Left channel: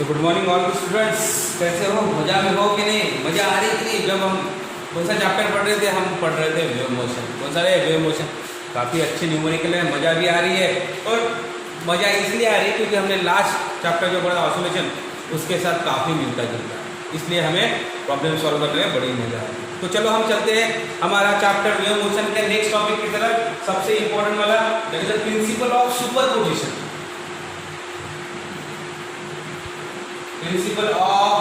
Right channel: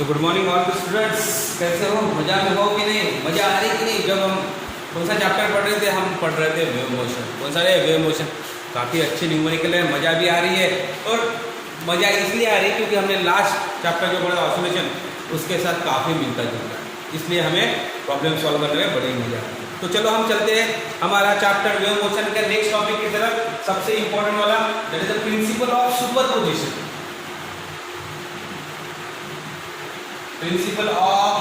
तो good morning all the students. कैसे हो? मजा में हो कि नहीं? मजा आ रही कि नहीं? जब हम कौन सा चैप्टर पढ़ रहे थे? हम पढ़ रहे थे वेव मोशन। कौन सा है? Wave motion. काफ़ी अच्छी न्यूमेरिकल है, मज़ा भी आ रही है। और मज़ा इसलिए आ रही है क्योंकि हमने लास्ट चैप्टर जो पढ़ा ऑसिलेशन, उसके साथ काफ़ी मिलता जुलता है, इसलिए हमें प्रॉब्लम सॉल्व करने में बड़ी मजा आती है। तो चलो हम चलते हैं हमारा चैप्टर वेव मोशन के नेक्स्ट टॉपिक की तरफ। सबसे इंपॉर्टेंट वाला, that is the principle of superposition. Principle of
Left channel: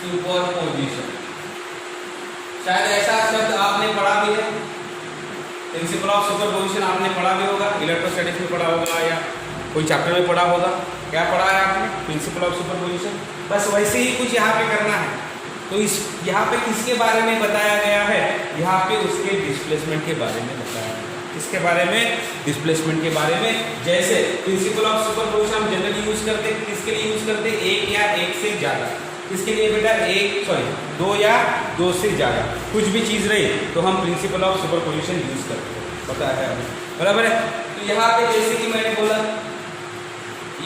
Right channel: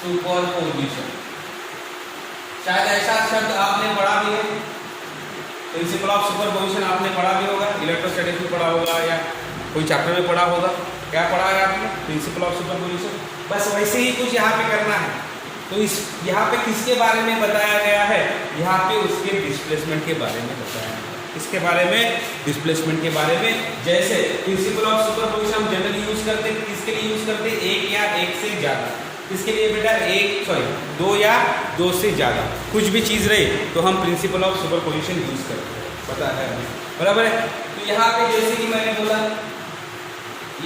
superposition, शायद ऐसा शब्द आपने पढ़ा भी है। प्रिंसिपल ऑफ सुपरपोजिशन आपने पढ़ा भी होगा, इलेक्ट्रोस्टैटिक्स में पढ़ा होगा या कोई चैप्टर में पढ़ा होगा। क्या पढ़ा है आपने? Principle of superposition. बस वैसे ही कुछ यहाँ पे करना है। तो इस यहाँ पे किसके बारे में बताया गया है? यहाँ पे उसके डिस्प्लेसमेंट के बारे में बताया गया है। किसके बारे में? डिस्प्लेसमेंट के बारे में। जैसे प्रिंसिपल ऑफ सुपरपोजिशन हम जनरली यूज करते हैं, किसके लिए यूज करते हैं? एक या एक से ज्यादा। इसके लिए बेटा दो या दो से ज्यादा कुछ भी चीज रही तो हम प्रिंसिपल ऑफ सुपरपोजिशन यूज करते हैं, पता है हमें, बराबर है। तो यहाँ पे जैसे कि मैंने बोला,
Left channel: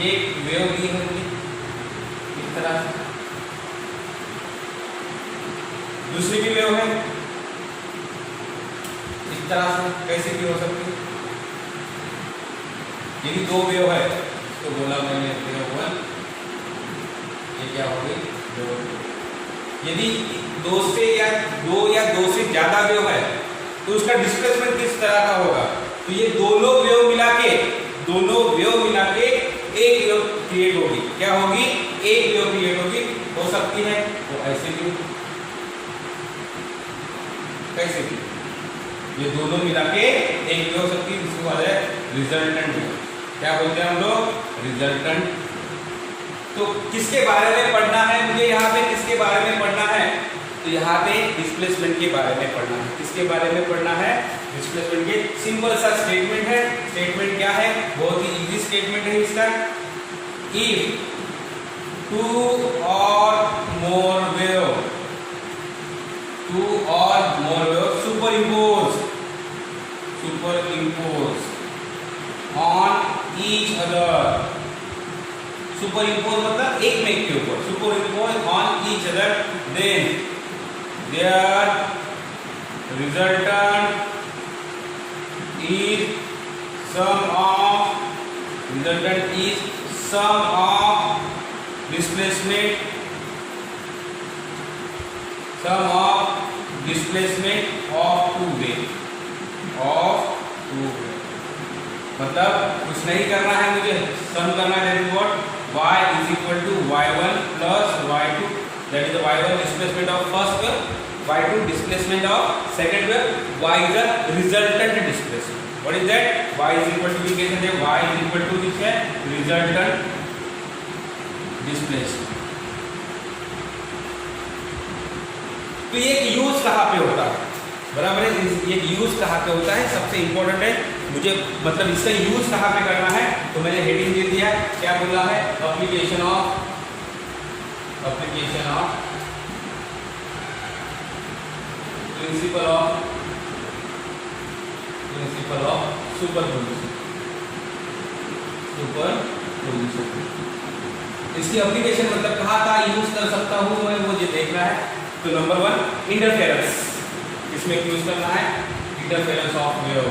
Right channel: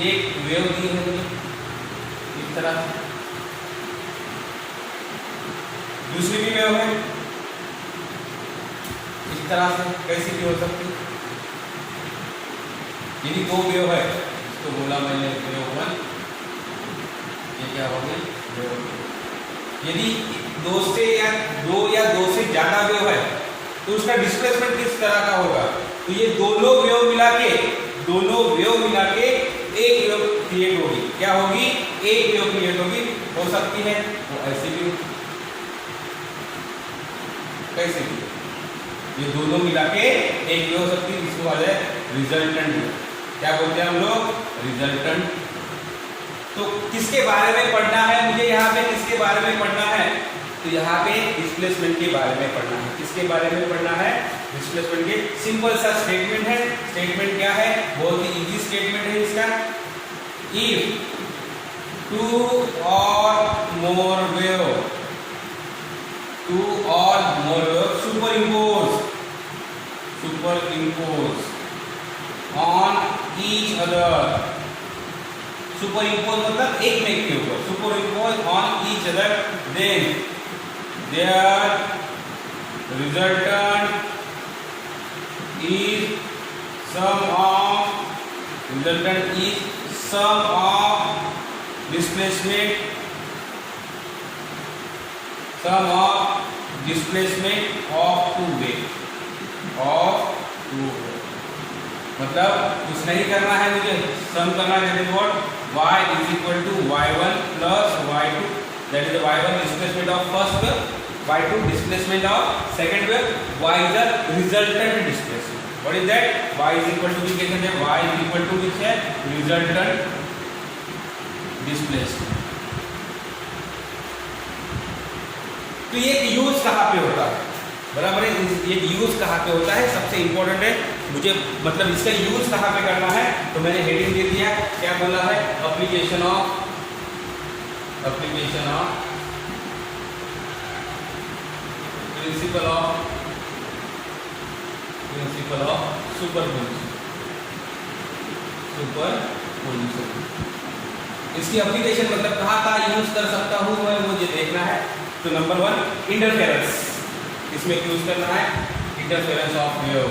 ये वेव दी है मुझे इस तरह, दूसरी भी वेव है इस तरह से। कैसे भी हो सकती है? यदि दो वेव है तो बोला मैंने वेव वन, ये क्या हो गई? यदि दो या दो से ज्यादा वेव है तो उसका डिस्प्लेसमेंट किस तरह का होगा? तो ये दोनों वेव मिला के एक वेव क्रिएट होगी। क्या होगी? एक वेव क्रिएट होगी। हो सकती है तो ऐसे भी, कैसे भी, ये दोनों मिला के एक वेव हो सकती है। इसको बोलते हैं रिजल्टेंट। क्या बोलते हैं हम लोग? रिजल्टेंट। तो किसके बारे में पढ़ना है मुझे? यहाँ पे किसके बारे में पढ़ना है? तो यहाँ पे डिस्प्लेसमेंट के बारे में पढ़ना है। किसके बारे में पढ़ना है? डिस्प्लेसमेंट के। सिंपल सा स्टेटमेंट है। स्टेटमेंट क्या है? बहुत ही इजी स्टेटमेंट है इसका। इफ टू और more wave superimpose on each other, superimpose मतलब एक में के ऊपर, superimpose on each other, then there resultant is sum of displacement of two wave. मतलब कुछ नहीं करना है मुझे, सम करना है। y is equal to y1 plus y2, that is the y1 displacement of first wave, y2 displacement of second wave, y is the resultant displacement. What is that? y is equal to कहते हैं, y is equal to which है? Resultant displacement. तो ये use कहाँ पे होता है? बराबर है, ये यूज कहाँ पे होता है सबसे इंपॉर्टेंट है मुझे, मतलब इसका यूज कहाँ पे करना है। तो मैंने हेडिंग दे दिया, क्या बोला है? Application of principle of superposition. इसकी एप्लीकेशन मतलब कहाँ कहाँ यूज कर सकता हूँ मैं, मुझे देखना है। तो नंबर 1 इंटरफेरेंस, इसमें यूज करना है इंटरफेरेंस ऑफ वेव।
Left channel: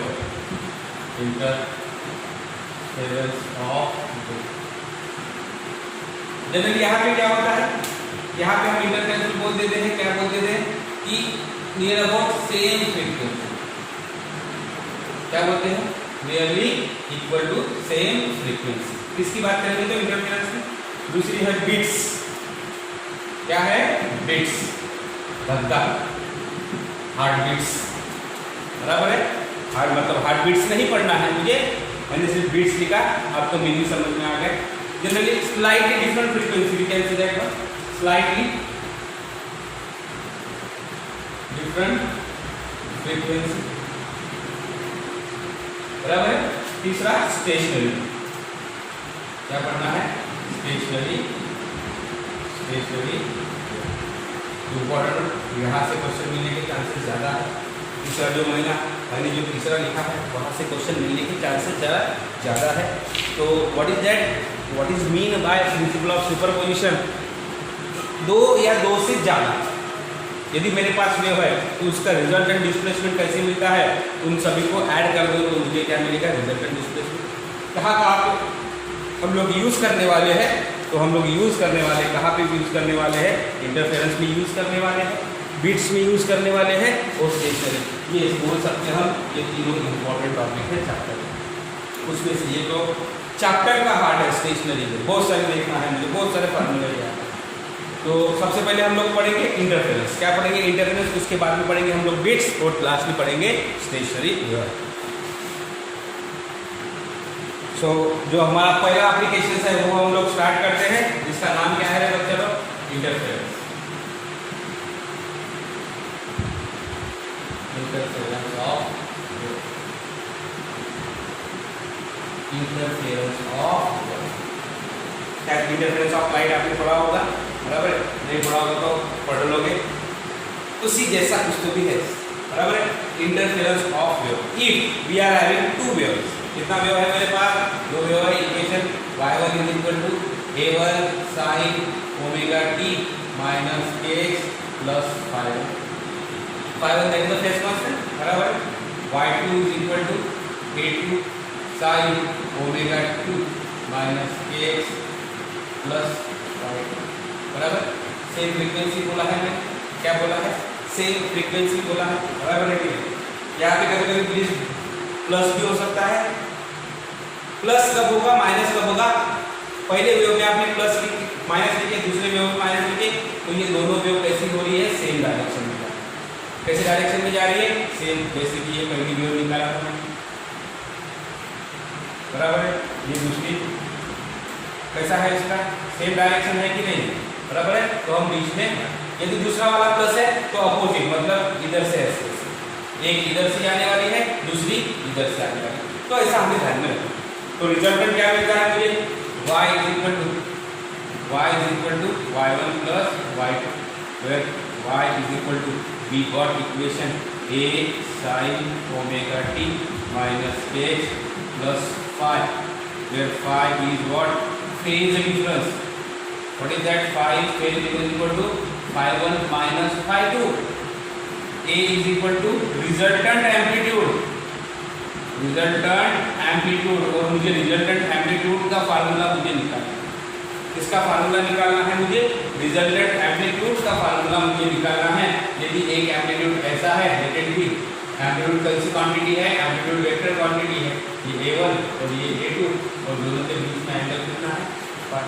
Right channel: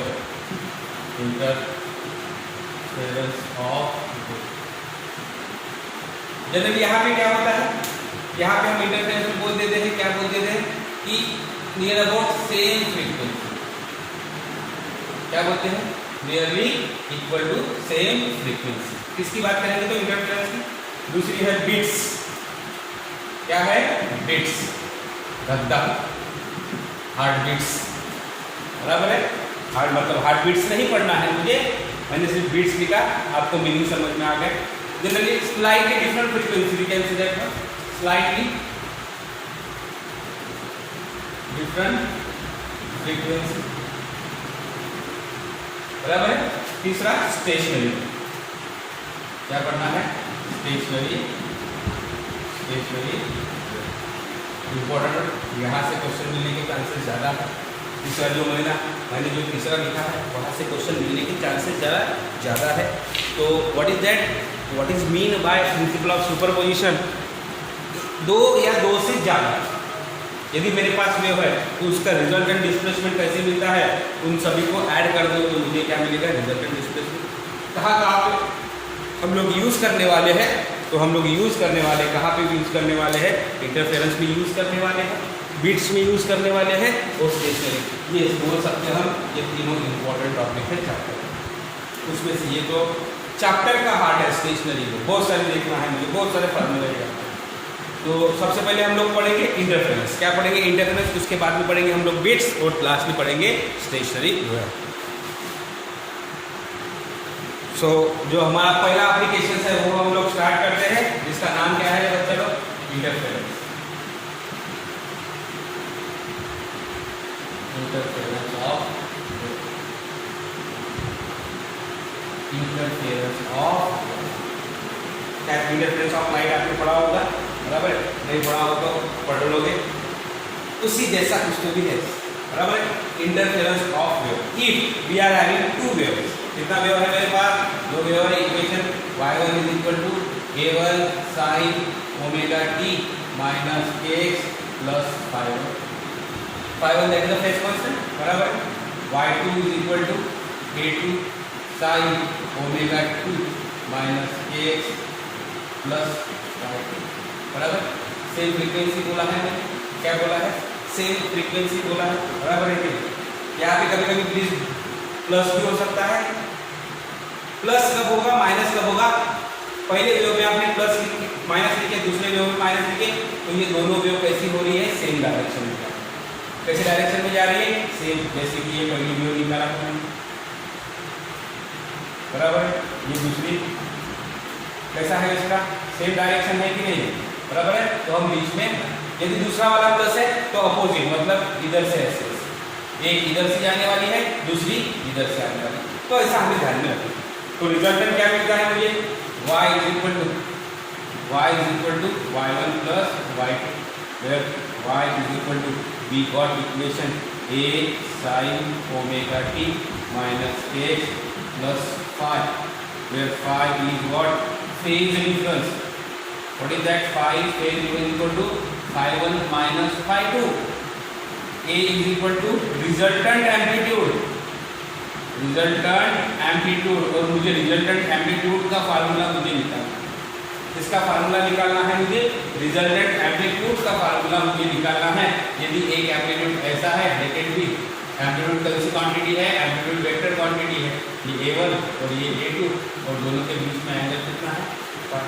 जनरली यहाँ पे क्या होता है? यहाँ पे हम इंटरफेरेंस बोल देते हैं, क्या बोल देते हैं कि नियर अबाउट सेम फ्रीक्वेंसी। क्या बोलते हैं? Nearly equal to same frequency. किसकी बात करेंगे तो इंटरफेरेंस की? दूसरी है बिट्स। क्या है? बिट्स, धक-धक, हार्ट बीट्स, बराबर है। हार्ट मतलब हार्ट बीट्स नहीं पढ़ना है मुझे, मैंने सिर्फ बीट्स लिखा, आपको मीनिंग समझ में आ गया। Generally slightly different frequency, we can say that one, slightly different frequency, बराबर है। तीसरा स्टेशनरी, क्या पढ़ना है? स्टेशनरी इंपॉर्टेंट, यहाँ से क्वेश्चन मिलने के चांसेस ज़्यादा है। तीसरा जो मैंने जो तीसरा लिखा है वहाँ से क्वेश्चन मिलने के चांसेस ज़्यादा है। तो what is that? What is mean by principle of superposition? दो या दो से ज़्यादा यदि मेरे पास वेव है तो उसका रिजल्टेंट डिस्प्लेसमेंट कैसे मिलता है, उन सभी को ऐड कर दो तो मुझे क्या मिलेगा, रिजल्टेंट डिस्प्लेसमेंट। कहाँ पे हम लोग यूज़ करने वाले हैं, तो हम लोग यूज़ करने वाले कहाँ पे यूज़ करने वाले हैं, इंटरफेरेंस में यूज़ करने वाले हैं, बिट्स में यूज़ करने वाले हैं और स्टेशनरी। ये बोल सकते हैं हम, ये तीनों इंपॉर्टेंट टॉपिक है चैप्टर। उसमें से ये तो चैप्टर का हार्ट है स्टेशनरी में, बहुत सारे देखना है मुझे, बहुत सारे फार्मूले लिया। तो सबसे पहले हम लोग पढ़ेंगे इंटरफेरेंस। क्या पढ़ेंगे? इंटरफेरेंस। उसके बाद में पढ़ेंगे हम लोग बिट्स और लास्ट में पढ़ेंगे स्टेशनरी वेव। सो जो हमारा पहला एप्लीकेशन है वो हम लोग स्टार्ट करते हैं, जिसका नाम क्या है बच्चे लोग? इंटरफेरेंस। इंटरफेरेंस ऑफ क्या इंटरफेरेंस ऑफ लाइट आपने पढ़ा होगा, बराबर है? नहीं पढ़ा होगा तो पढ़ लोगे, उसी जैसा कुछ तो भी है, बराबर है? Interference of wave. If we are having two waves, कितना वेव है मेरे पास? दो वेव है। Equation y1 is equal to a1 sin omega t minus kx plus phi1 that is the phase constant, बराबर? y2 is equal to a2 sin omega 2 minus kx plus phi2, बराबर? Same frequency बोला है, क्या बोला है? Same frequency बोला है, बराबर है? यहाँ पे कभी कभी प्लीज प्लस भी हो सकता है। प्लस कब होगा, माइनस कब होगा? पहले वेव में आपने प्लस माइनस लिखे, दूसरे वेव में माइनस लिखे, तो ये दोनों वेव कैसी हो रही है? सेम डायरेक्शन में जा रही है। कैसे डायरेक्शन में जा रही है? सेम, जैसे कि ये पहली वेव निकाला था, बराबर? ये दूसरी कैसा है? इसका सेम डायरेक्शन है कि नहीं, बराबर है? तो हम बीच में, यदि दूसरा वाला प्लस है तो अपोजिट, मतलब इधर से ऐसे, एक इधर से आने वाली है, दूसरी इधर से आने वाली है, तो ऐसा हमें ध्यान में रखना। तो रिजल्टेंट क्या मिलता है मुझे? y is equal to y1 plus y2, where y is equal to we got equation a sin omega t minus kx plus phi, where phi is what? Phase difference. What is that? Phi phase difference equal to phi1 minus phi2. A is equal to resultant amplitude. Resultant amplitude, और मुझे resultant amplitude का formula मुझे निकालना है। इसका formula निकालना है मुझे, रिजल्टेंट एम्पलीट्यूड का फार्मूला मुझे निकालना है। यदि एक एम्पलीट्यूड ऐसा है, लेटेंट भी एम्पलीट्यूड कौन सी क्वांटिटी है? एम्पलीट्यूड वेक्टर क्वांटिटी है, ये a1 और ये a2, और दोनों के बीच में एंगल कितना है? पाई।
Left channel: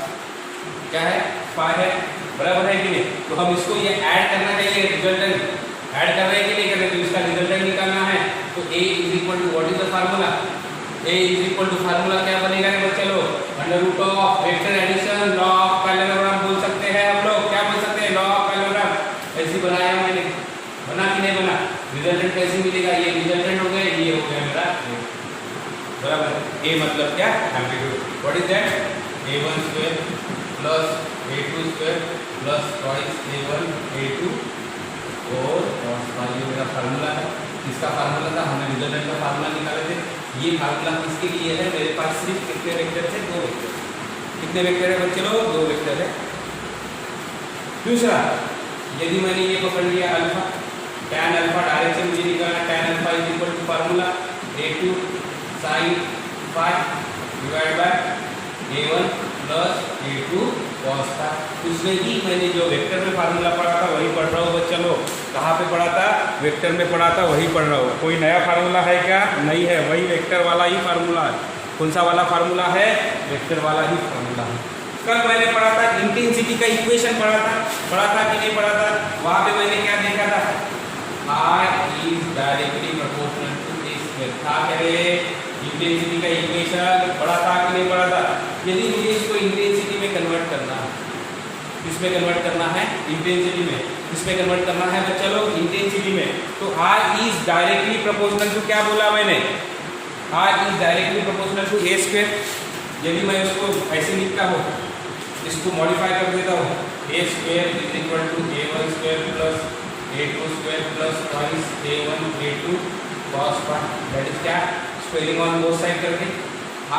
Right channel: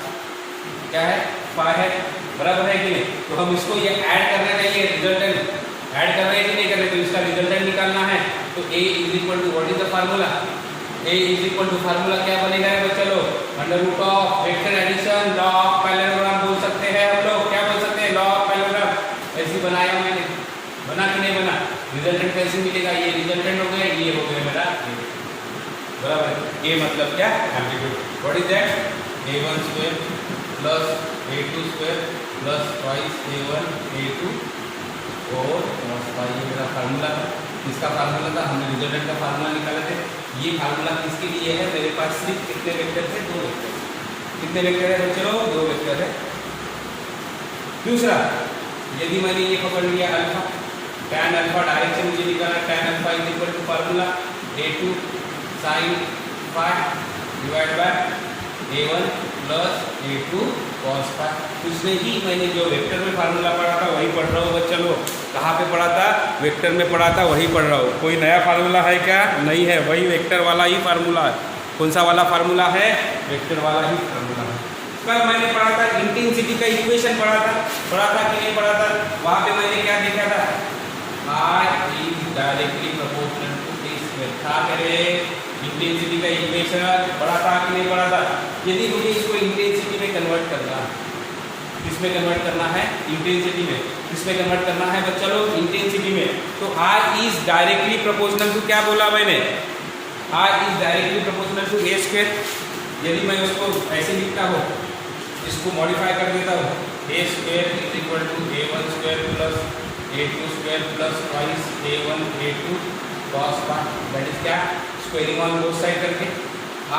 क्या है? पाई है, बराबर है कि नहीं? तो हम इसको ये ऐड करना चाहिए, रिजल्टेंट ऐड कर रहे हैं कि नहीं कर रहे, तो इसका रिजल्टेंट निकालना है। तो a is equal to what is the formula? a is equal to formula क्या बनेगा बच्चे लोग? Under root of vector addition, law of parallelogram बोल सकते हैं हम लोग। क्या बोल सकते हैं? Law of parallelogram. ऐसे बनाया मैंने, बना कि नहीं बना? रिजल्टेंट कैसे मिलेगा? ये रिजल्टेंट हो गए, ये हो गया मेरा बराबर। a मतलब क्या? Amplitude. What is that? a1 square plus a2 square plus twice a1 a2 और ये मेरा फार्मूला है। इसका फार्मूला था, हमने रिजल्टेंट का फार्मूला निकाले थे। ये फार्मूला किसके लिए है? मेरे पास सिर्फ कितने वेक्टर थे? 2 वेक्टर। कितने वेक्टर है बच्चे लोग? 2 वेक्टर है। दूसरा, यदि मैंने ये पकड़ लिया अल्फा, tan अल्फा डायरेक्शन मुझे निकालना, tan alpha is equal to formula a2 sin phi divide by a1 plus a2 cos phi। उसमें ही मैंने जो वेक्टर में फार्मूला पढ़ा था वही पढ़ रहा हूँ बच्चा लोग। कहाँ पे पढ़ा था? वेक्टर में पढ़ा था, वही पढ़ रहा हूँ। कोई नया फार्मूला है क्या? नहीं है, वही वेक्टर वाला ही फार्मूला है। कौन सा वाला फार्मूला है? वेक्टर वाला ही फार्मूला है। कल मैंने पढ़ा था इंटेंसिटी का इक्वेशन पढ़ा था कि नहीं पढ़ा था? वहाँ पे मैंने क्या देखा था? I is directly proportional to this square। था कह रहे इंटेंसिटी का इक्वेशन पढ़ा था कि नहीं पढ़ा था? यदि मुझे इसको इंटेंसिटी में कन्वर्ट करना, किसमें कन्वर्ट करना है? इंटेंसिटी में। किसमें कन्वर्ट करना है बच्चा लोग? इंटेंसिटी में। तो I is directly proportional to, क्या बोला मैंने? I is directly proportional to a square. यदि मैं उसको ऐसे लिखता हूँ, इसको मॉडिफाई कर देता हूँ, a square is equal to a1 square plus a2 square plus twice a1 a2 cos phi। That is क्या? स्क्वायरिंग ऑन बोथ साइड करके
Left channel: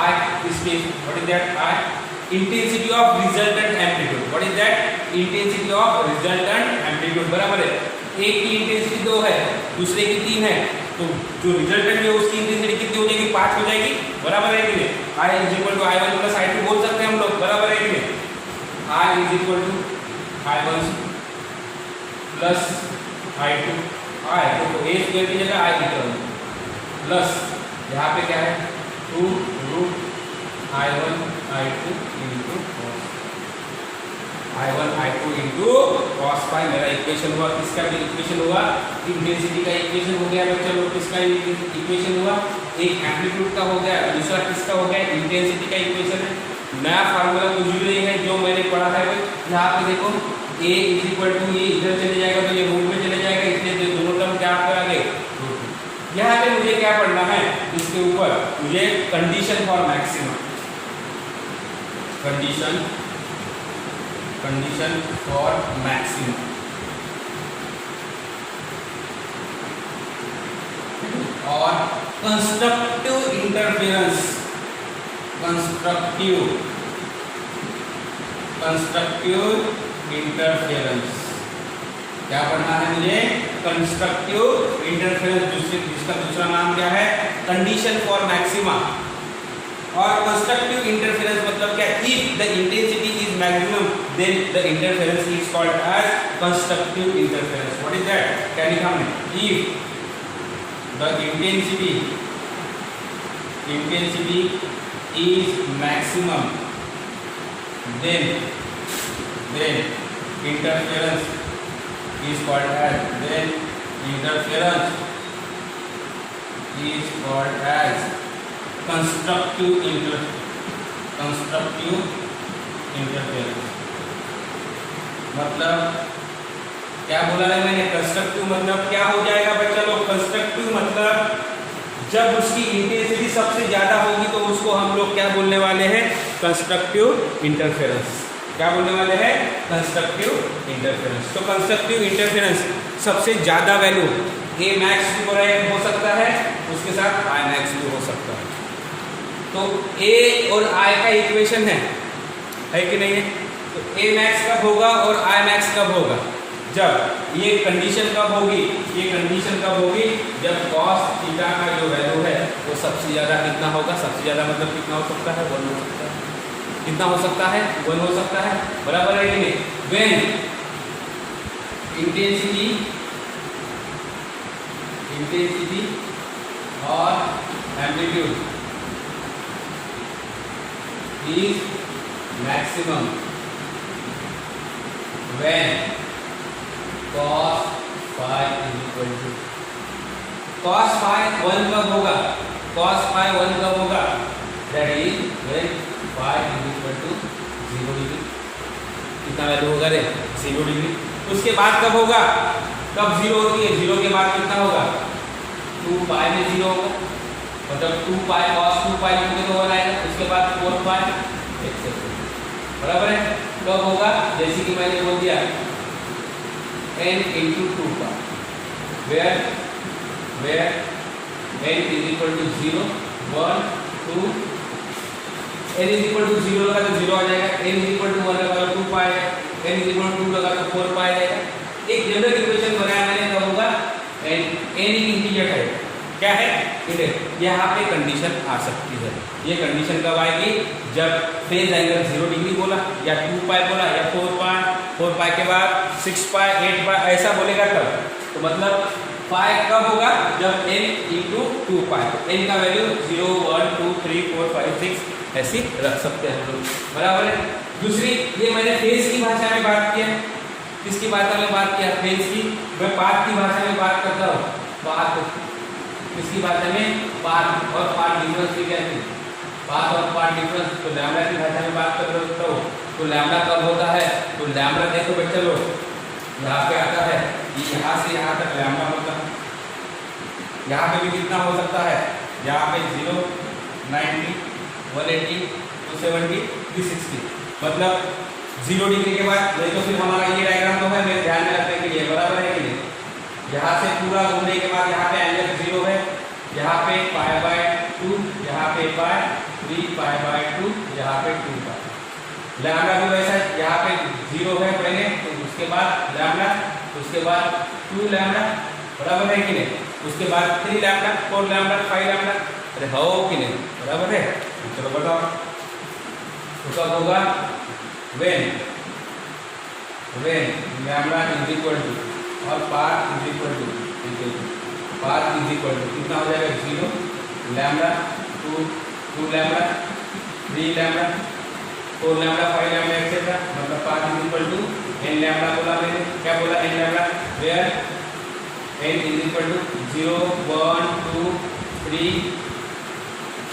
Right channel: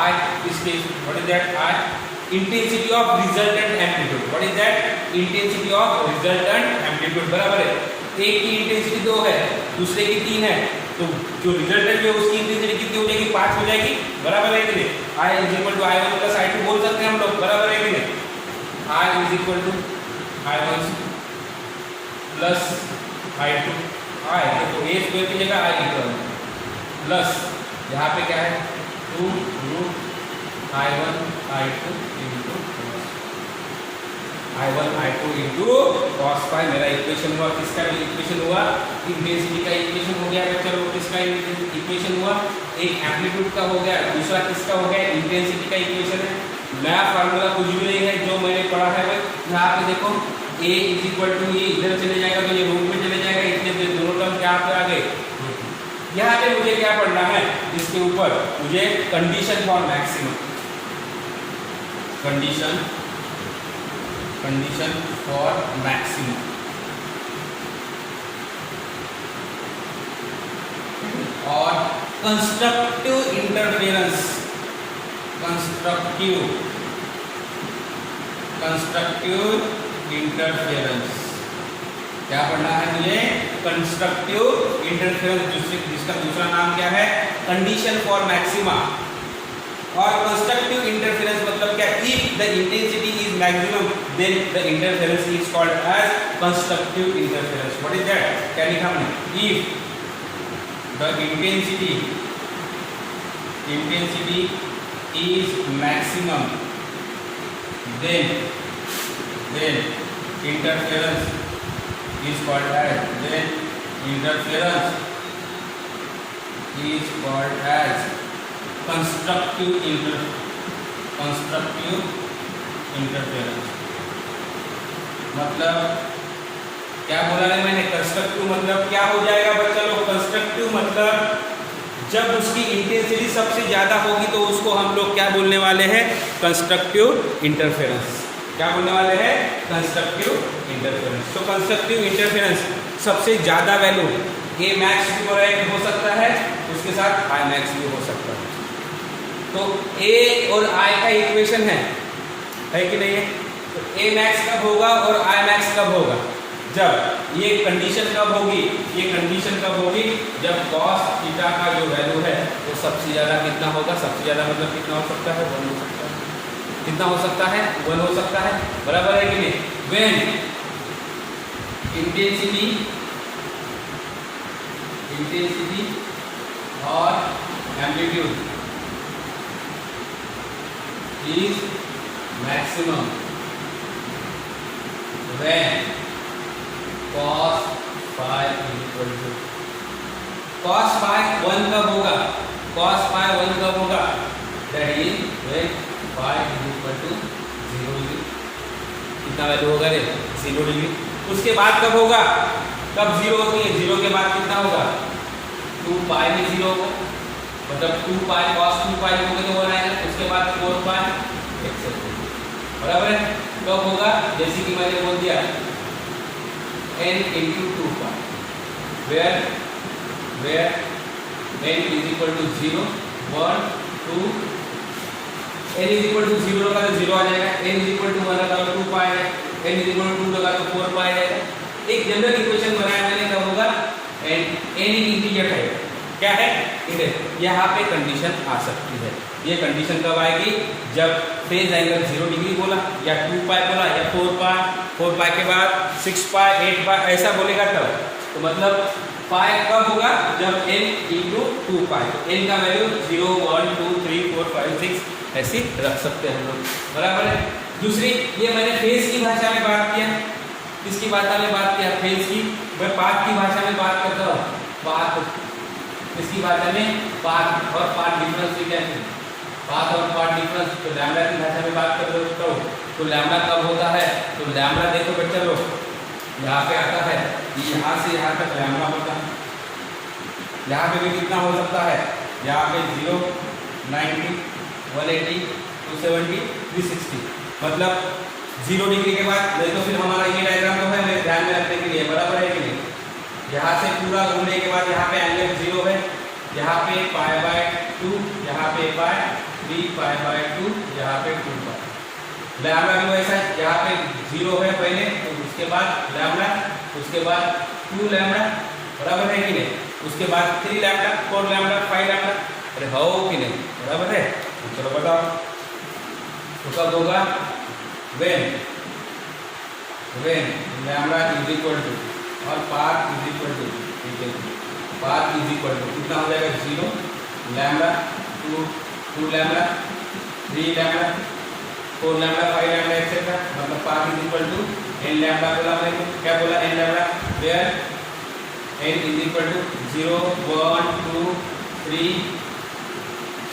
I इसके what is that? I intensity of resultant amplitude. What is that? Intensity of resultant amplitude बराबर है एक की intensity 2 है, दूसरे की 3 है, तो जो रिजल्टेंट है उसकी इंटेंसिटी कितनी हो जाएगी? 5 हो जाएगी। बराबर है कि नहीं? I is equal to I1 plus I2 बोल सकते हैं हम लोग। बराबर है कि नहीं? I is equal to I1 plus I2 I तो A स्क्वायर की जगह I लिख रहा हूँ प्लस यहाँ पे क्या है 2 root I1 I2 into I1 I2 into cos pi मेरा इक्वेशन हुआ। किसका इक्वेशन हुआ? इंटेंसिटी का इक्वेशन हो गया बच्चा लोग। किसका इक्वेशन हुआ? एक एम्पलीट्यूड का हो गया, दूसरा किसका हो गया? इंटेंसिटी का इक्वेशन है। नया फार्मूला कुछ भी नहीं है जो मैंने पढ़ा है। यहाँ पे देखो A इज इक्वल टू ये इधर चले जाएगा तो ये रूट में चले जाएगा, इसलिए दोनों टर्म क्या पर आ गए? यहाँ पे मुझे क्या पढ़ना है? इसके ऊपर मुझे condition for maximum, condition for maximum और कंस्ट्रक्टिव इंटरफेरेंस, कंस्ट्रक्टिव इंटरफेरेंस क्या पढ़ना है मुझे? कंस्ट्रक्टिव इंटरफेरेंस, जिसका दूसरा नाम क्या है? Condition for maxima. और कंस्ट्रक्टिव इंटरफेरेंस मतलब क्या? If the intensity is maximum then the interference is called as constructive interference. What is that? क्या लिखा हमने? If the intensity is maximum then interference is called as constructive interference। मतलब क्या बोला है मैंने? कंस्ट्रक्टिव मतलब क्या हो जाएगा बच्चा लोग? कंस्ट्रक्टिव मतलब जब उसकी इंटेंसिटी सबसे ज्यादा होगी तो उसको हम लोग क्या बोलने वाले हैं? Constructive interference. क्या बोलने वाले हैं? Constructive interference. तो कंस्ट्रक्टिव इंटरफेरेंस सबसे ज्यादा वैल्यू A मैक्स भी हो सकता है, उसके साथ I मैक्स भी हो सकता है। तो A और I का इक्वेशन है कि नहीं? तो A मैक्स कब होगा और I मैक्स कब होगा? जब ये कंडीशन कब होगी? ये कंडीशन कब होगी? जब cos थीटा का जो वैल्यू है वो सबसे ज्यादा कितना होगा? सबसे ज्यादा मतलब कितना हो सकता है? 1 हो सकता है। कितना हो सकता है? 1 हो सकता है। बराबर है कि नहीं? when इंटेंसिटी और amplitude is maximum when cos phi is equal to cos phi 1 कब होगा? cos phi 1 कब होगा? that is when phi is equal to 0 degree. कितना वैल्यू होगा रे? 0 डिग्री। उसके बाद कब होगा? कब 0 होती है? 0 के बाद कितना होगा? 2 पाई में 0 होगा, मतलब 2 पाई cos 2 पाई लिखोगे तो 1 आएगा। उसके बाद 4 पाई एक्सेप्ट। बराबर है? कब होगा? जैसे कि मैंने बोल दिया n into 2 pi where n is equal to 0 1 2 n is equal to 0 लगा तो 0 आ जाएगा, n is equal to 1 लगा तो 2 pi आएगा, n is equal to 2 लगा तो 4 pi आ जाएगा। एक जनरल इक्वेशन बनाया मैंने, तब होगा n एक इंटीजर है। क्या है? इधर यहाँ पे कंडीशन आ सकती है। ये कंडीशन कब आएगी? जब फेज एंगल 0 डिग्री बोला या 2 पाई बोला या 4 पाई के बाद 6 पाई 8 पाई ऐसा बोलेगा तब। तो मतलब पाई कब होगा? जब n इंटू 2 पाई। n का वैल्यू 0 1 2 3 4 5 6 ऐसी रख सकते हैं हम लोग। बराबर है? दूसरी ये मैंने फेज की भाषा में बात किया। किसकी भाषा में बात किया? फेज की। मैं पाथ की भाषा में बात करता हूँ। पाथ किसकी भाषा में? पाथ और पाथ डिफरेंस से क्या है? पाथ और पाथ डिफरेंस। तो लैम्बडा की भाषा में बात कर रहे हो तो लैम्बडा कब होता है? तो लैम्बडा देखो बच्चे लोग यहाँ पे आता है, यहाँ से यहाँ तक लैम्बडा होता है। यहाँ पे भी कितना हो सकता है? यहाँ पे 0 90 180 270 360, मतलब 0 डिग्री के बाद नहीं तो फिर हमारा ये डायग्राम तो है मेरे ध्यान में रखने के लिए। बराबर है कि नहीं? यहाँ से पूरा घूमने के बाद यहाँ पे एंगल 0 है, यहाँ पे पाई बाय 2, यहाँ पे पाई 3 पाई बाय 2, यहाँ पे 2 पाई। लैम्बडा भी वैसा है, यहाँ पे 0 है पहले, तो उसके बाद लैम्बडा, उसके बाद 2 लैम्बडा, बराबर है कि नहीं, उसके बाद 3 लैम्बडा, 4 लैम्बडा, 5 लैम्बडा, अरे हो कि नहीं, बराबर है। चलो बताओ तो कब होगा, when lambda is equal to और path is equal to, path is equal to कितना हो जाएगा, 0 lambda, 2 lambda, 3 lambda, 4 lambda, 5 lambda etcetera, मतलब path is equal to n lambda बोला मैंने, क्या बोला, n lambda, where n is equal to 0 1 2 3।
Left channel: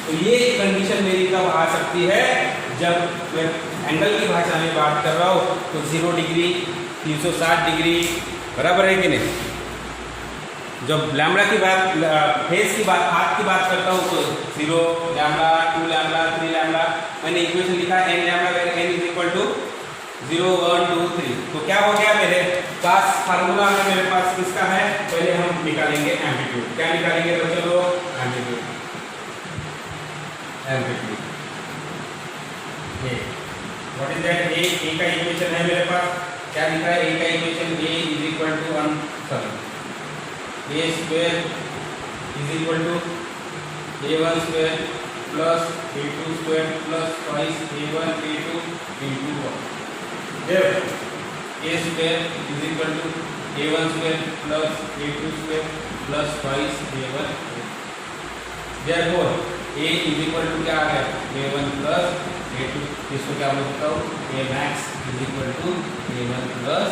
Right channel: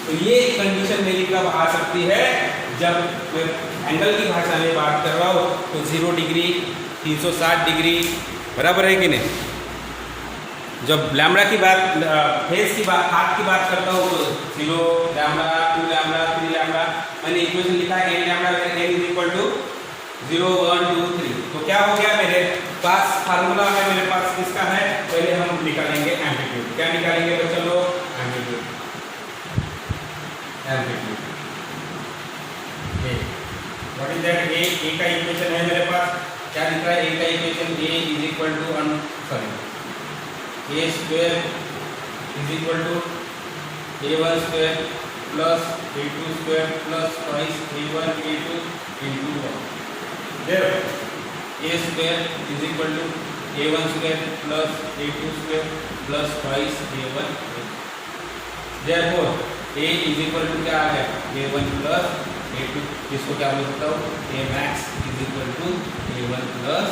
तो ये कंडीशन मेरी कब आ सकती है, जब मैं एंगल की भाषा में बात कर रहा हूँ, तो 0 डिग्री 360 डिग्री, बराबर है कि नहीं। जब लैम्बडा की बात, फेस की बात, हाथ की बात करता हूँ, तो 0 लैम्बडा, 2 लैम्बडा, 3 लैम्बडा, मैंने इक्वेशन लिखा है n lambda n is equal to 0 1 2 3। तो क्या हो गया, मेरे पास फार्मूला में मेरे पास किसका है, पहले हम निकालेंगे एम्पलीट्यूड। क्या निकालेंगे बच्चों लोग, amplitude, amplitude what is that, A का इक्वेशन है मेरे पास, क्या दिख रहा है, ए का equation, A is equal to A square is equal to a1 square plus a2 square plus twice a1 a2 into 1। a square is equal to a1 square plus a2 square plus twice a1। Therefore a is equal to क्या आ गया, a1 plus a2, इसको क्या बोल सकता हूँ, a max is equal to a1 plus,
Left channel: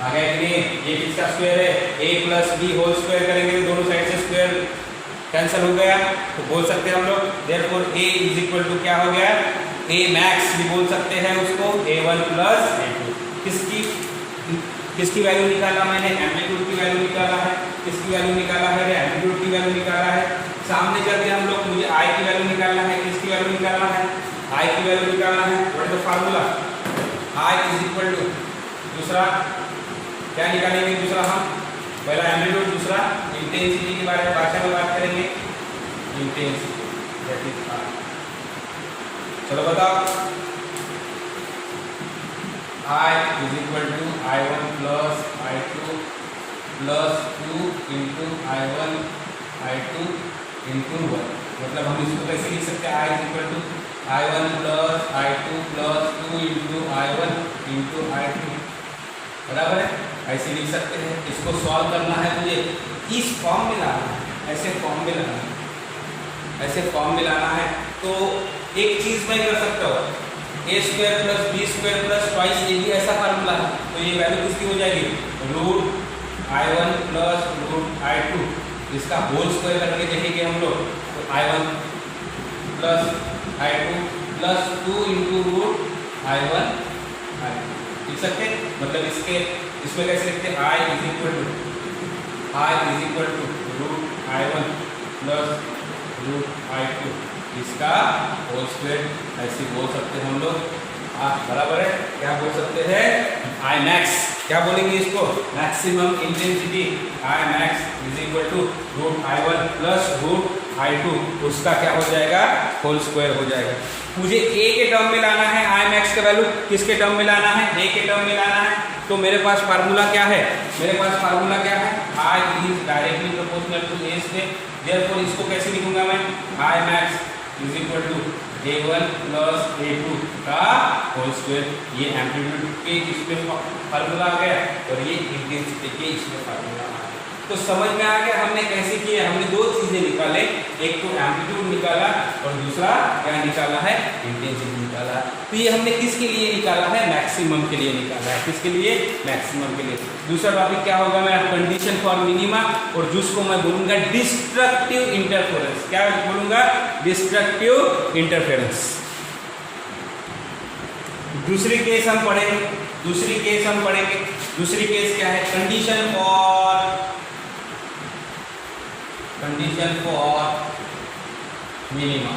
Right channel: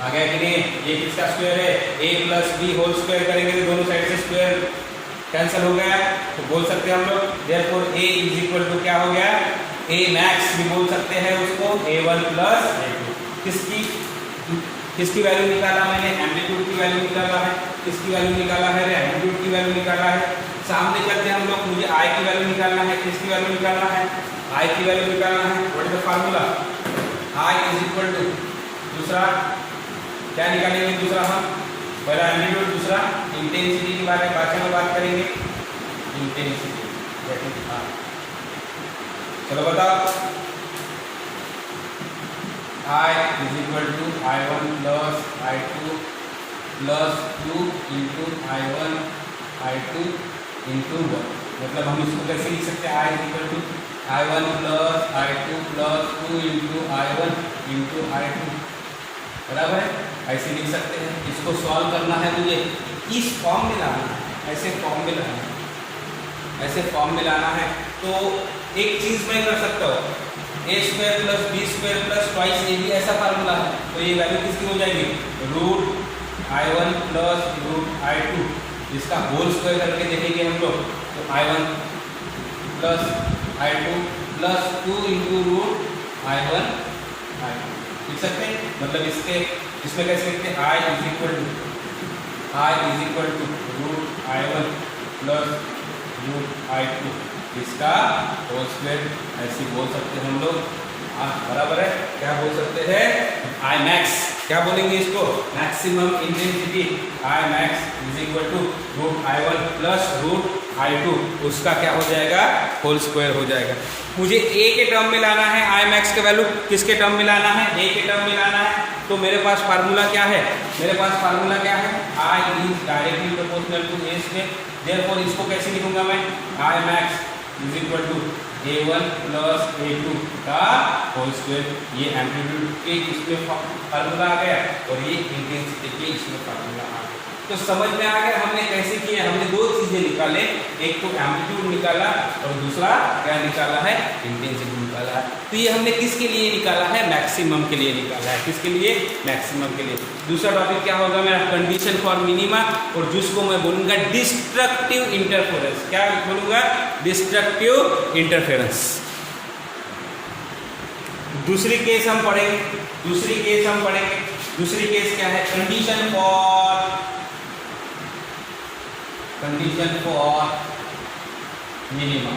आ गया कि नहीं। ये किसका स्क्वायर है, a plus B whole square करेंगे तो दोनों साइड से स्क्वायर कैंसिल हो गया, तो बोल सकते हैं हम लोग therefore a is equal to क्या हो गया, a मैक्स भी बोल सकते हैं उसको, a1 प्लस a2। किसकी वैल्यू निकाला मैंने, एम्पलीट्यूड की वैल्यू निकाला है, किसकी वैल्यू निकाला है, एम्पलीट्यूड की वैल्यू निकाला है। सामने चलते हम लोग, मुझे i की वैल्यू निकालना है, किसकी वैल्यू निकालना है, i की वैल्यू निकालना है। What is the formula, i is equal to, दूसरा क्या निकालेंगे, दूसरा हम पहला एम्पलीट्यूड, दूसरा इंटेंसिटी की बारे में भाषा में बात करेंगे, इंटेंसिटी। चलो बताओ, I is equal to I1 plus I2 plus 2 into I1 I2 into 1। मतलब हम इसको कैसे लिख सकते हैं, I is equal to I1 plus I2 plus 2 into I1 into I2, बराबर है, ऐसे लिख सकते हैं। इसको सॉल्व करना है मुझे, इस फॉर्म में लाना है, ऐसे फॉर्म में लाना है, ऐसे फॉर्म में लाना है। तो एक चीज मैं कर सकता हूँ, A square plus B square plus twice A भी ऐसा फार्मूला है, तो ये वैल्यू किसकी हो जाएगी, root I1 plus root I2, इसका होल स्क्वायर करके देखेंगे हम लोग, तो I1 plus I2 plus 2 into root I1 I2 लिख सकते हैं। मतलब इसमें कैसे लिखते हैं, I is equal to root I1 plus root I2, इसका होल स्क्वायर ऐसे बोल सकते हैं हम लोग, बराबर है। क्या बोल सकते हैं, I मैक्स, क्या बोलेंगे इसको, maximum intensity, I max is equal to root I1 plus root I2, उसका क्या हो जाएगा, होल स्क्वायर हो जाएगा। मुझे a के टर्म में लाना है, I मैक्स का वैल्यू किसके टर्म में लाना है, a के टर्म में लाना है। तो मेरे पास फार्मूला क्या है, मेरे पास फार्मूला क्या है, I is directly proportional to a square. Therefore इसको कैसे लिखूंगा मैं, I max is equal to a1 plus a2 का होल स्क्वायर। ये एम्पलीट्यूड के इसमें फार्मूला आ गया और ये इंटेंसिटी के इसमें फार्मूला आ गया। तो समझ में आ गया हमने कैसे किया, हमने दो चीजें निकाले, एक तो एम्पलीट्यूड निकाला और दूसरा क्या निकाला है, इंटेंसिटी निकाला है। तो ये हमने किसके लिए निकाला है, मैक्सिमम के लिए निकाला है, किसके लिए, मैक्सिमम के लिए। दूसरा टॉपिक क्या होगा, मैं कंडीशन फॉर मिनिमा, और जिसको मैं बोलूंगा डिस्ट्रक्टिव इंटरफेरेंस। क्या बोलूंगा, डिस्ट्रक्टिव इंटरफेरेंस। दूसरी केस हम पढ़ेंगे, दूसरी केस क्या है, condition for minima,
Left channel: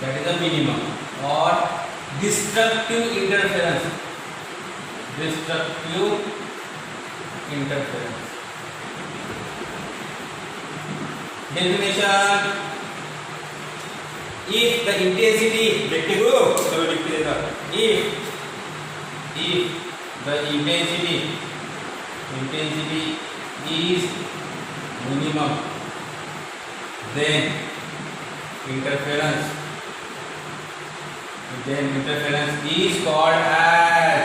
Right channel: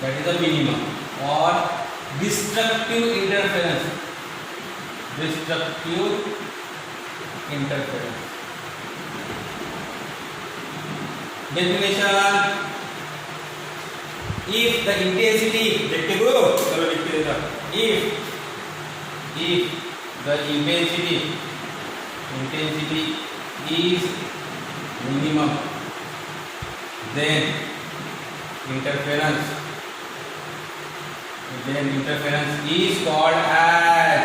that is the minima, और destructive interference, definition if the intensity देखते हो, चलो लिखते देगा, if the intensity is minimum, then interference is called as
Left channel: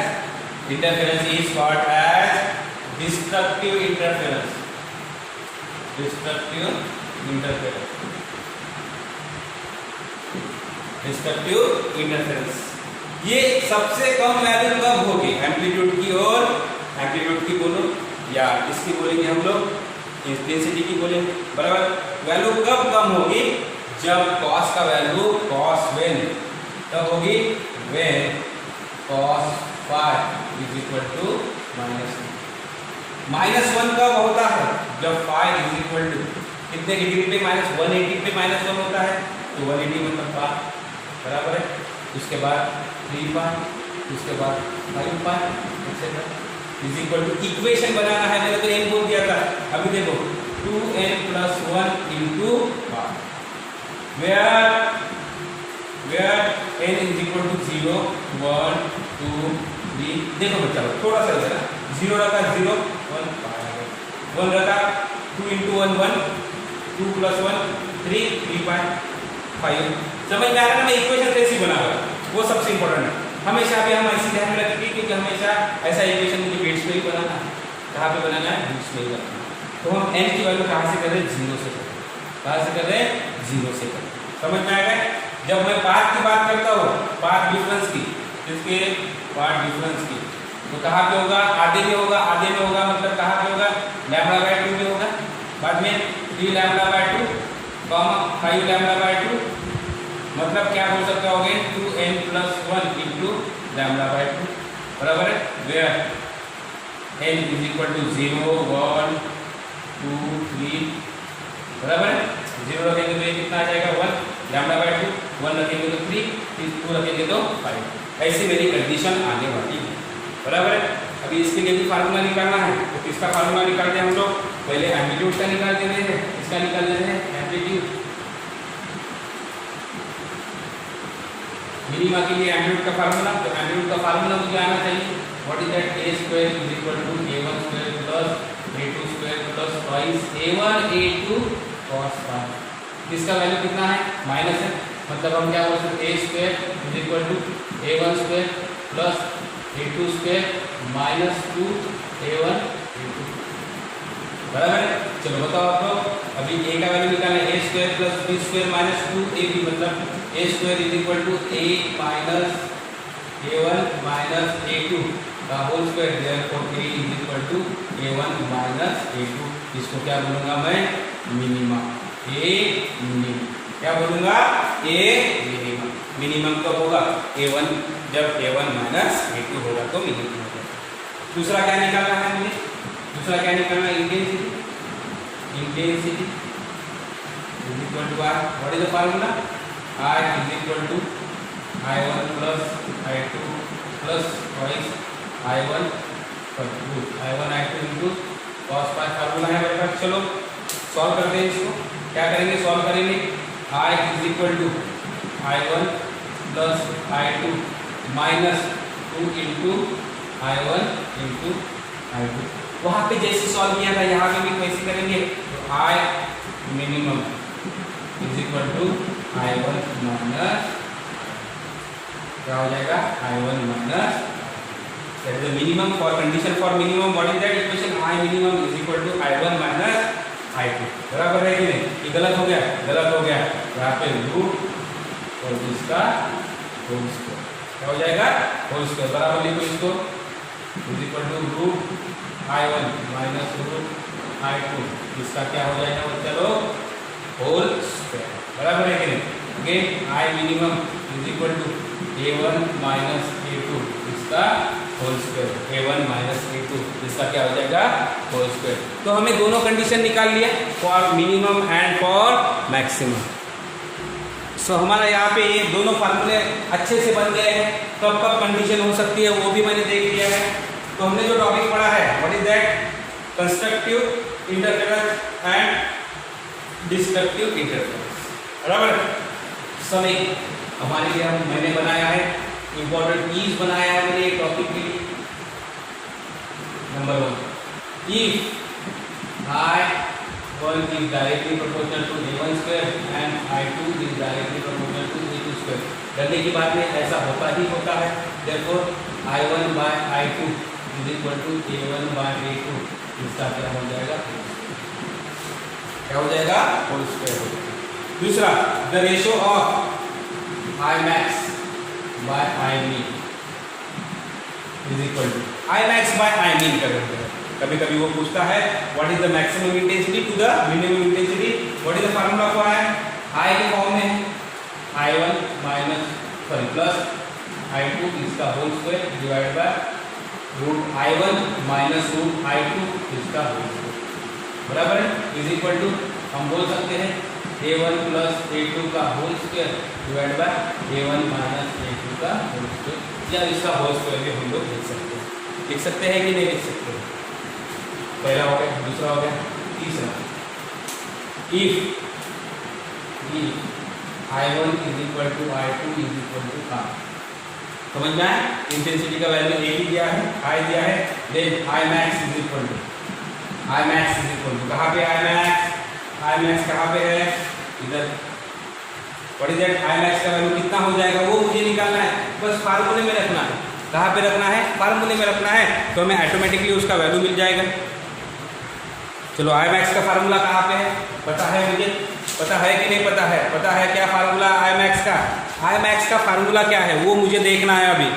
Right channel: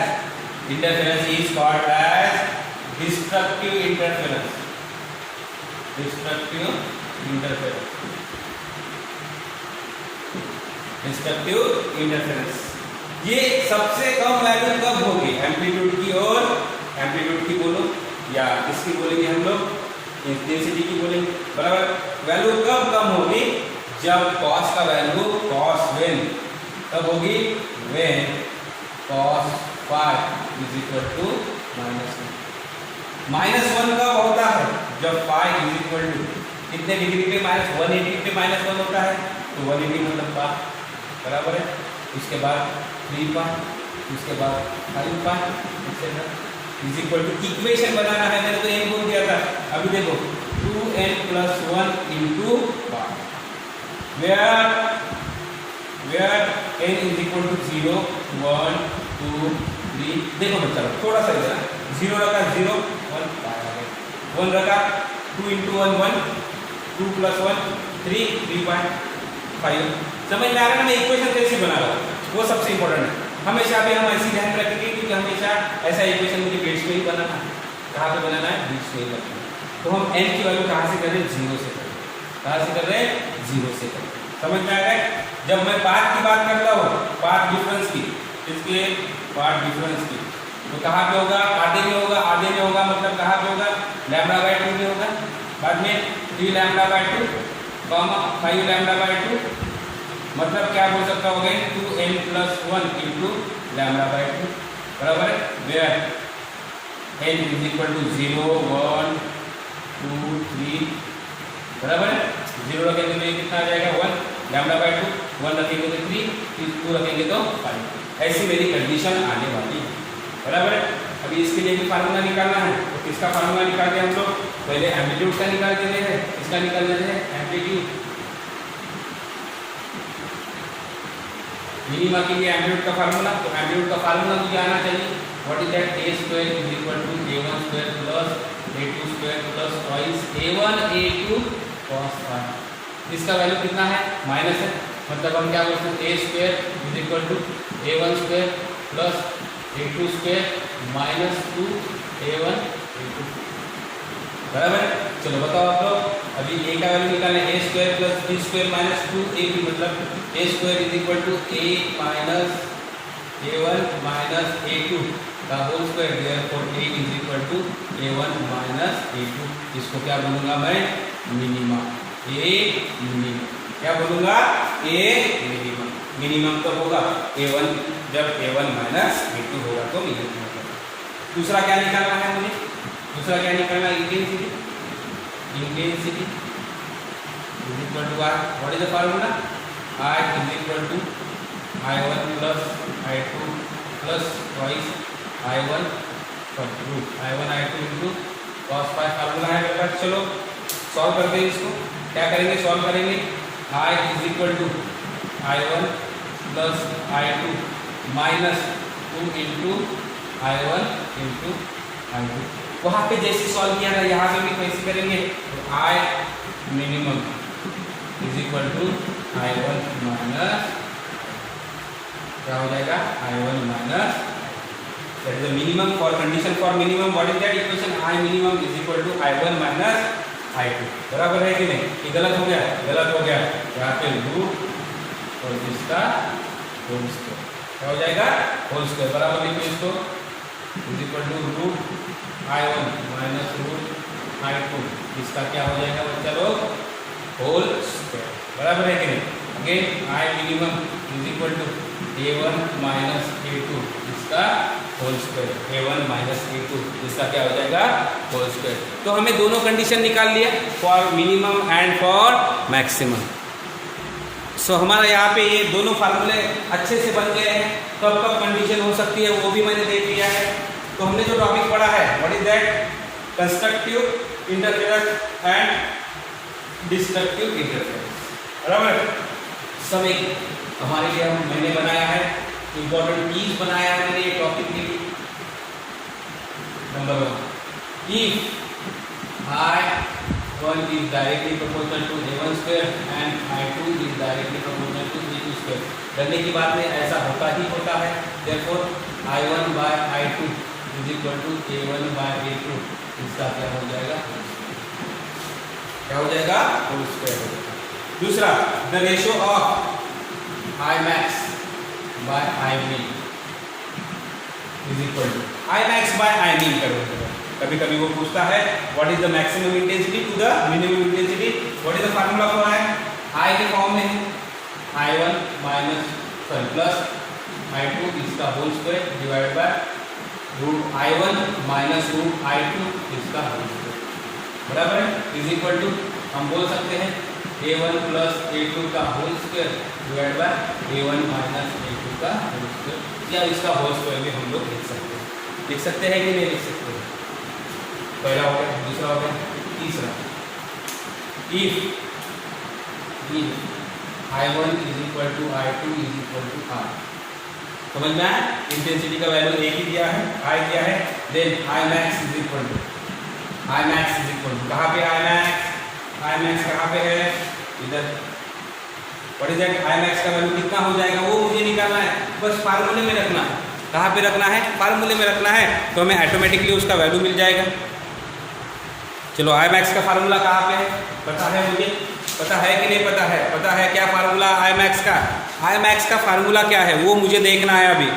destructive interference. ये सबसे कम वैल्यू कब होगी? एम्पलीट्यूड की बोलो या इसकी बोलेंगे हम लोग इंटेंसिटी की बोलेंगे, बराबर। वैल्यू कब कम होगी? जब कॉस का वैल्यू कब होगी? When cos phi is equal to -1 कब होता है? जब phi is equal to कितने डिग्री पे? -180 पे -1 होता है, तो 180 मतलब phi, बराबर है। उसके बाद 3 phi, उसके बाद 5 phi, etc. Is equal to, equation बनाना है, मैंने तो n बोल दिया था। अभी देखो 2n + 1 into phi, where n is equal to 0 1 2 3। देखो बच्चा थोड़ा सा इधर 0 रखा 0 1 phi, 1 रखा 2 into 1 1, 2 + 1 3 3.5। समझ में आ रहा है ना? मैं इक्वेशन कैसी बना रहा हूँ, वो सबसे इंपॉर्टेंट है। हमेशा भी हम ऐसी ध्यान रखेंगे क्योंकि हमेशा ऐसा इक्वेशन मुझे बीच में ही बनाना है। कहाँ पे बनाना है? बीच में ही बनाना है। तो हम n की वैल्यू कहाँ से कर रहे हैं? 0 से कर रहे हैं। कहाँ से कर रहे हैं? 0 से कर रहे हैं। समझ में आ गया? जब मैं पार्ट की बात करता हूँ, पार्ट डिफरेंस की, इसके पार्ट डिफरेंस की, तो कहाँ पे होगा? आधे में होगा। आधे में होगा मतलब कहाँ पे होगा? λ/2 में होगा। बाद में 3 λ/2, 5 λ/2, मतलब क्या हो सकता होगा? 2n + 1 into λ/2, बराबर है। Where n is equal to 0 1 2 3, बराबर है। 0 रखेंगे तो ये कितना आ जाएगा? 1 λ/2, 1 रखेंगे तो 3, 2 रखेंगे तो 5। ऐसी मेरी कंडीशन आने वाली है, बराबर है। अभी इसके लिए भी फार्मूला निकालना है, तो किसका फार्मूला निकालते हैं हम लोग? पहले एम्पलीट्यूड का निकाल देते हैं। इसका निकाल देते हैं एम्पलीट्यूड। मिनिमा के लिए एम्पलीट्यूड का फार्मूला, तो एम्पलीट्यूड का फार्मूला मुझे आना चाहिए। What is that? a² = a1² + a2² + twice a1 a2 cos phi। इसका वैल्यू कितना है? माइनस है, मतलब हम क्या बोल सकते हैं? a² = a1² + a2² - 2 a1 a2, बराबर है। चलो बताओ आप लोग, अभी a का वैल्यू निकालना है। a² + b² - 2ab, मतलब a² = a - a1 - a2 का whole square, therefore a = a1 - a2। इसको क्या बोलूंगा मैं? मिनिमा। a मिनिमम क्या बोलूंगा? a minimum. मिनिमम कब होगा? a1, जब a1 - a2 होगा तो मिनिमम होगा। दूसरा क्या निकालना है मुझे? दूसरा क्या निकालना है? Intensity is equal to I. What is the formula? I is equal to I1 + I2 + twice I1 I2 into cos phi formula है मेरे पास। चलो सॉल्व करते हैं इसको। क्या करेंगे? सॉल्व करेंगे। I is equal to I1 + I2 - 2 into I1 into I2। वहाँ पे जैसे सॉल्व किया था यहाँ पे भी कैसे करेंगे? I minimum is equal to I1 minus, क्या हो जाएगा? I1 minus, that is the minimum for condition for minimum. What is that equation? I minimum is equal to I1 minus I2, बराबर है कि नहीं? ये गलत हो गया? गलत हो गया। यहाँ पे रूट और इसका होल स्क्वायर, क्या हो जाएगा? होल स्क्वायर, बराबर लिखो इसको, is equal to root I1 minus root I2, इसका क्या हो जाएगा बच्चा लोग? होल स्क्वायर, बराबर है कि नहीं? Again I minimum is equal to A1 minus A2, इसका whole square, A1 minus A2, इसका क्या हो जाएगा? Whole square. तो हमें दोनों कंडीशन निकाल लिया, for minimum and for maximum. So हमारा यहाँ पे ये दोनों फार्मूले अच्छे से बन गए हैं। कब कब कंडीशन हो सकती है वो भी मैंने देख लिया है। तो हमने जो टॉपिक पढ़ा है, what is that? Constructive interference and destructive interference, बराबर। समय हमारे लिए मैंने बनाया है, इंपॉर्टेंट कीज बनाया है मैंने ये टॉपिक के लिए। Number 1, if I1 is directly proportional to A1 square and I2 is directly proportional to A2 square। करने की बात में ऐसा होता ही होता है। Therefore I1 by I2 is equal to A1 by A2। इसका क्या हो जाएगा? क्या हो जाएगा? होल स्क्वायर हो जाएगा। दूसरा, the ratio of I max by I min is equal to I max by I min करोगे। कभी कभी वो पूछता है what is the maximum intensity to the minimum intensity, what is the formula for I? I के form में है I1 plus I2 इसका whole square divide by root I1 minus root I2 इसका होल स्क्वायर, बराबर है, is equal to हम बोल सकते हैं A1 प्लस A2 का whole square divide by A1 minus A2 का होल स्क्वायर, या इसका होल स्क्वायर भी हम लोग लिख सकते हैं कि नहीं लिख सकते हैं? पहला हो गया, दूसरा हो गया, तीसरा, if I1 is equal to I2 is equal to R। समझ में आया? इंटेंसिटी का वैल्यू एक ही दिया है, I दिया है, then I max is equal to कहाँ पे I max कहाँ पे है? इधर। What is that? I max का वैल्यू कितना हो जाएगा वो मुझे निकालना है, बस फार्मूले में रखना है। कहाँ पे रखना है? फार्मूले में रखना है, तो हमें ऑटोमेटिकली उसका वैल्यू मिल जाएगा। चलो I max का फार्मूला कहाँ पे है? पता है मुझे? पता है कि नहीं पता है? पता है क्या फार्मूला I max का? I max का फार्मूला क्या है वो मुझे देखना है अभी।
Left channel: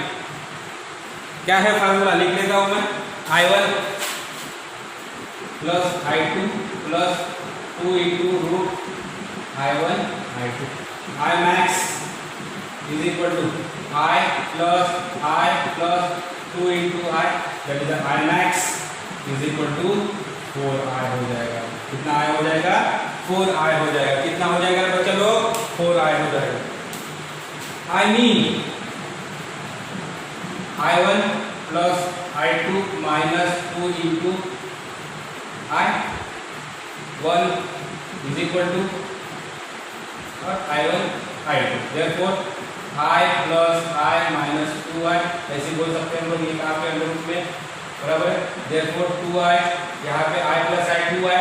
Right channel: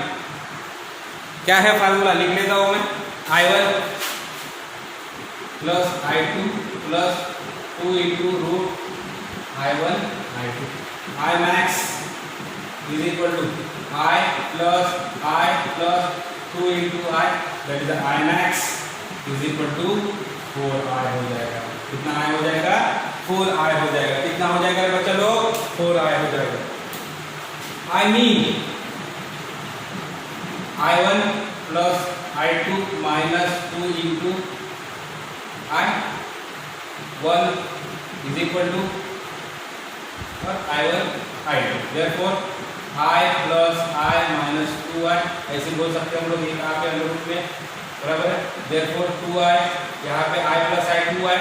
क्या है फार्मूला? लिख लेता हूँ मैं, I1 plus I2 plus 2 into root I1 I2। I max is equal to I plus 2 into I, that is I max is equal to 4I हो जाएगा। कितना I हो जाएगा? 4I हो जाएगा। कितना हो जाएगा बच्चा लोग? 4I हो जाएगा। I mean I1 plus I2 minus 2 into I1 is equal to और I1 I2, therefore I प्लस I माइनस 2I, ऐसे बोल सकते हैं हम लोग, ये कहाँ पे अंडर रूट में, बराबर है। therefore 2I, यहाँ पे I प्लस I 2I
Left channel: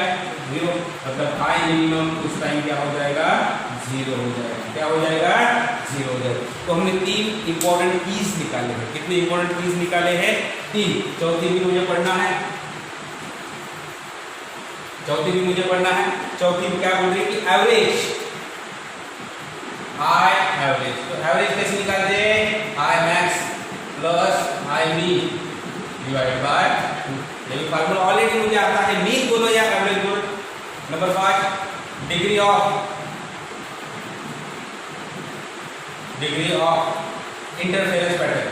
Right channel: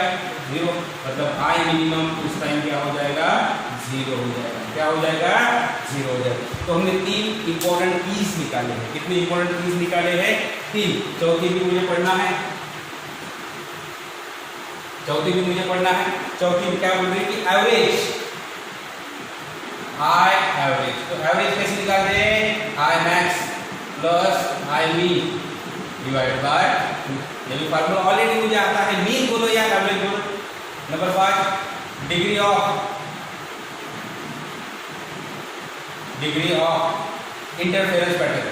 0, मतलब I मिनिमम उस टाइम क्या हो जाएगा? 0 हो जाएगा। क्या हो जाएगा? 0 हो जाएगा। तो हमने 3 इंपॉर्टेंट कीज निकाले हैं। कितने इंपॉर्टेंट कीज निकाले हैं? 3। चौथी भी मुझे पढ़ना है, चौथी में क्या बोल रही है कि एवरेज, I एवरेज। तो एवरेज कैसे निकालते हैं? I max plus I min divide bye 2। ये फार्मूला ऑलरेडी मुझे आता है, मीन दोनों या एवरेज दोनों। Number 5, degree of interference pattern.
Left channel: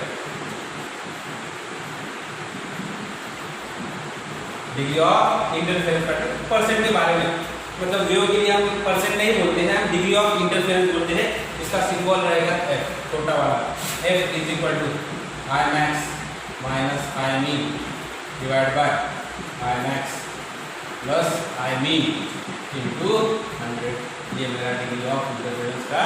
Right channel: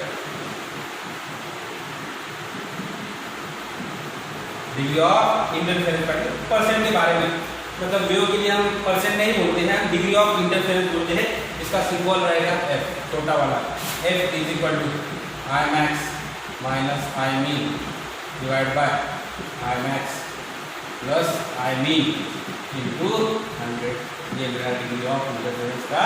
Degree of interference pattern percent के बारे में, मतलब वेव के लिए हम परसेंट नहीं बोलते हैं, हम डिग्री ऑफ इंटरफेरेंस बोलते हैं। इसका सिंबल रहेगा F, छोटा वाला। F is equal to I max minus I min divide by I max plus I min into 100। ये मेरा डिग्री ऑफ इंटरफेरेंस का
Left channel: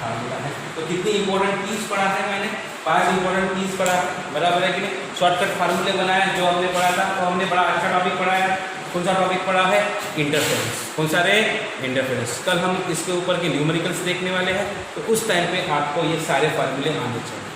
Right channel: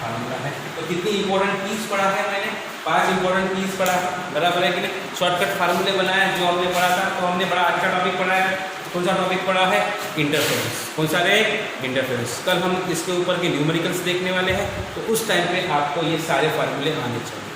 फार्मूला है। तो कितनी इंपॉर्टेंट कीज पढ़ा है मैंने? 5 इंपॉर्टेंट कीज पढ़ा है, बराबर है कि नहीं? शॉर्टकट फार्मूले बनाए जो हमने पढ़ा था, तो हमने बड़ा अच्छा टॉपिक पढ़ा है। कौन सा टॉपिक पढ़ा है? इंटरफेरेंस। कौन सा रे? इंटरफेरेंस। कल हम इसके ऊपर के न्यूमेरिकल्स देखने वाले हैं, तो उस टाइम पे आपको ये सारे फार्मूले आने चाहिए।